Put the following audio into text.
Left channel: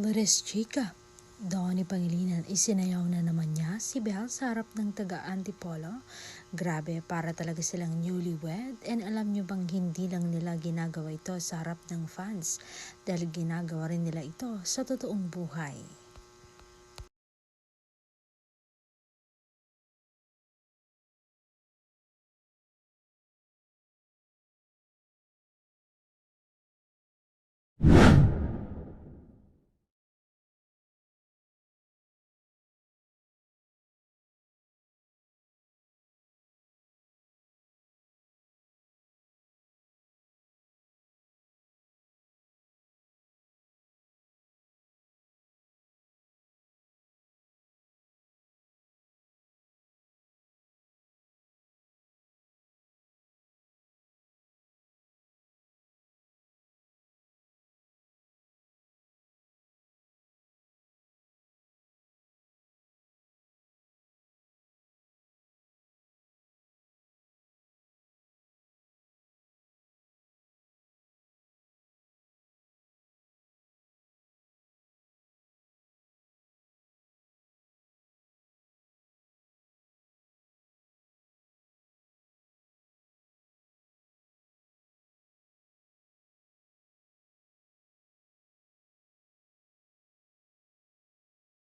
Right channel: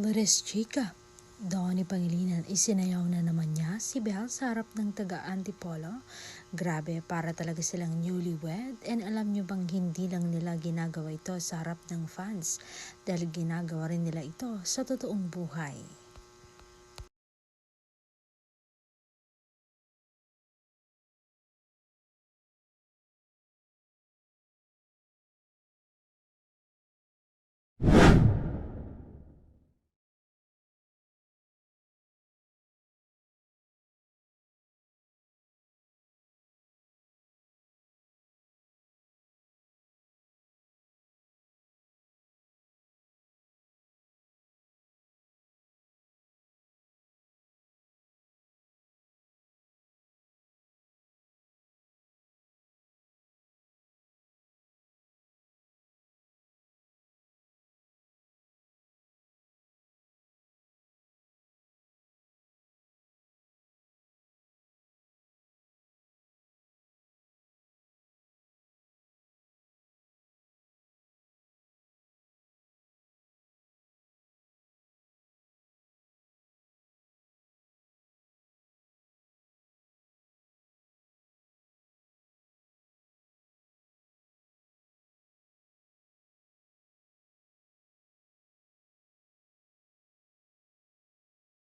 Let's chika! Donnie Pangilinan, isinayaw na naman niya si Belle sa harap ng taga-Antipolo. Grabe, para talaga silang newlywed. And alam niyo bang hindi lang nila ginagawa ito sa harap ng fans, dahil ginagawa rin nila ito sa totoong buhay.